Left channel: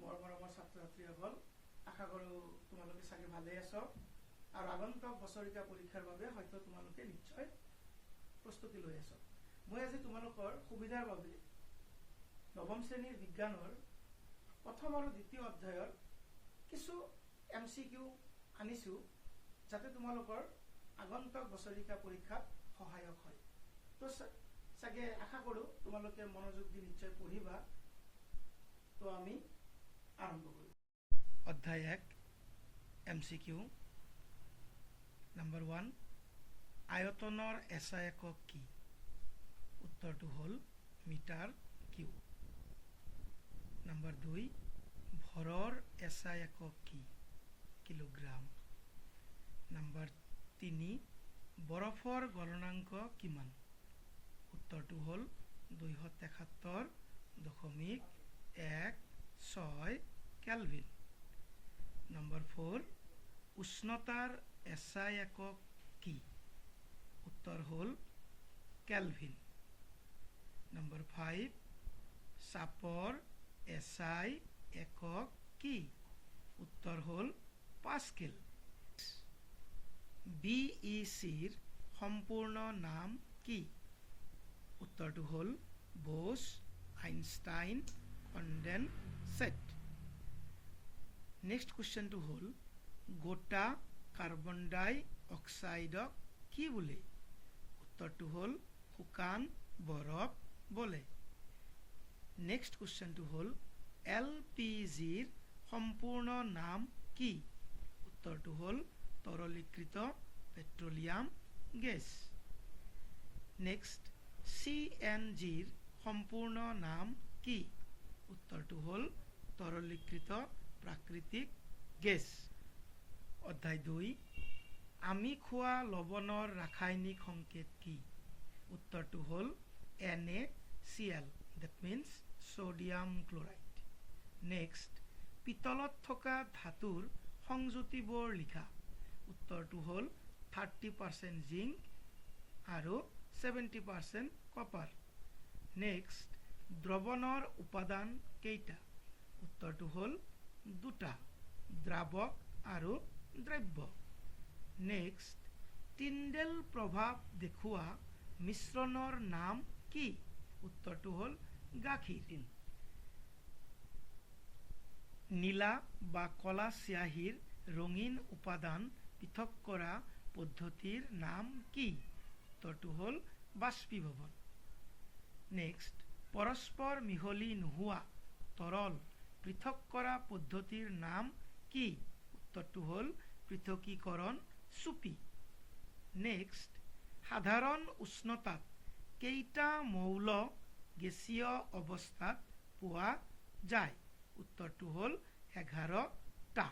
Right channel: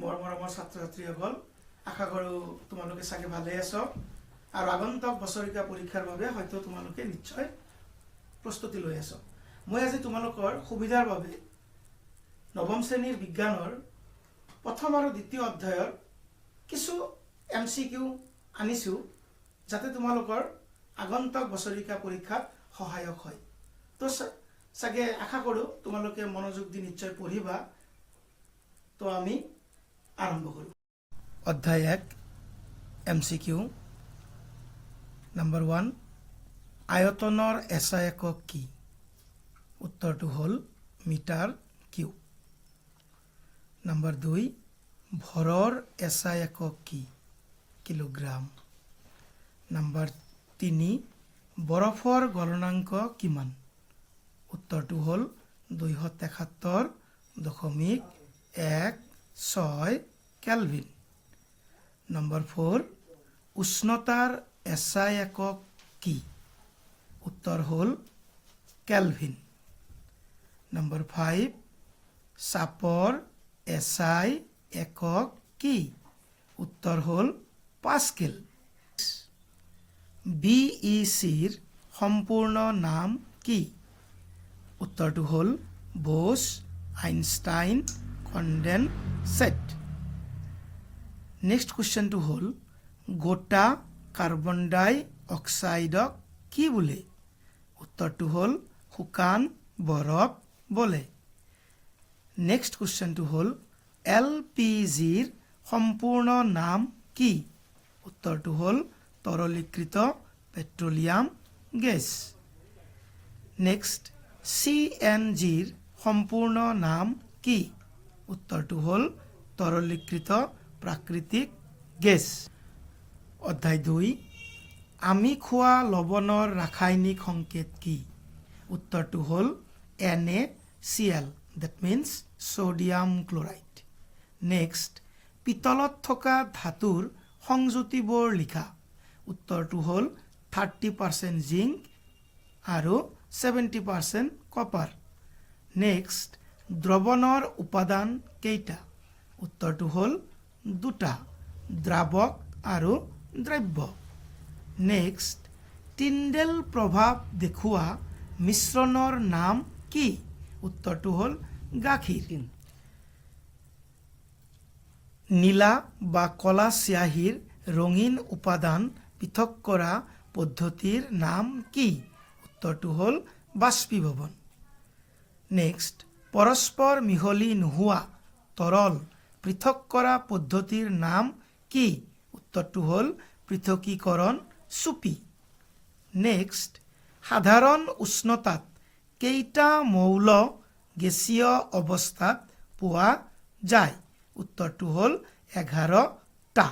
মৰমৰ ছাত্ৰ-ছাত্ৰীসকল, আশা কৰোঁ তোমালোকে চাগে ভালে আছো আৰু আগন্তুক বছৰিকা পৰীক্ষাৰ বাবে হয়তো তোমালোকে নিশ্চয় প্ৰস্তুতি লৈ আছো। মই আজি তোমালোকৰ সুবিধাৰ বাবে নৱম শ্ৰেণীৰ বিজ্ঞানৰ প্ৰথম আৰু দ্বিতীয় অধ্যায়ৰ কিছু MCQ আনিছো যাতে তোমালোকৰ আগন্তুক বছৰিকা পৰীক্ষাত সহায়ক হয়। তো চাগে আশা কৰোঁ তোমালোকে মনোযোগ দি নিশ্চয় পঢ়িবা। তো আমি আৰম্ভ কৰোঁ। অধ্যায় 1 MCQ নম্বৰ 1, আয়তনৰ SI একক কি? উত্তৰটো হ'ল মিটাৰ কিউব। নম্বৰ 2, ভৰৰ SI একক কি? কিলোগ্ৰাম। নম্বৰ 3, বৰফৰ গলনাংক কিমান? উত্তৰটো হ'ল 277.16 কেলভিন। নম্বৰ 4, উষ্ণতাৰ SI একক কি? উত্তৰ হ'ল কেলভিন। নম্বৰ 5, চাপৰ SI একক কি? উত্তৰ হ'ল পাস্কেল। BECৰ সম্পূৰ্ণ নাম কি? উত্তৰটো হ'ল ব'ছ-আইনষ্টাইন কনডেনছেট। নেক্সট কুৱেশ্যনটো হ'ল গোটা কাৰ্বন ডাই অক্সাইডক কি বোলে? উত্তৰটো হ'ল শুকান বৰফ বোলে। নেক্সট কুৱেশ্যনটো হ'ল LPGৰ সম্পূৰ্ণ নাম কি? উত্তৰটো হ'ল তৰলীকৃত পেট্ৰলিয়াম গেছ। নেক্সট CNGৰ সম্পূৰ্ণ নাম কি? উত্তৰটো হ'ল তৰলীকৃত প্ৰাকৃতিক গেছ। অধ্যায় 2, আমি খোৱা লৱণৰ ৰাসায়নিক সংকেত কি? উত্তৰটো হ'ল NaCl, that means sodium chloride. Next পিতলত থকা ধাতুৰ সংযুতিবোৰ লিখা। উত্তৰটো হ'ল 30% জিংক আৰু 70% কপাৰ। নেক্সট দ্ৰৱণৰ উপাদান কেইটা? উত্তৰটো হ'ল 2টা, দ্ৰাৱক আৰু দ্ৰব্য। নেক্সট টিণ্ডেল প্ৰভাৱ দেখুওৱা মিশ্ৰণৰ নাম কি? উত্তৰটো হ'ল গাখীৰ। নীলা বা কলা চিয়াহীৰ ৰঙীন উপাদান পৃথক কৰা পদ্ধতিৰ নাম কি? উত্তৰটো হ'ল বাষ্পীভৱন। নেক্সট পৰস্পৰ মিহলি নোহোৱা তৰল পৃথক কৰা পদ্ধতিৰ নাম কি? উত্তৰটো হ'ল পৃথকীকৰণ চুপি। নেক্সট সাধাৰণ উষ্ণতাত কেইটা মৌল গেছীয় অৱস্থাত পোৱা যায়? উত্তৰটো হ'ল 11টা।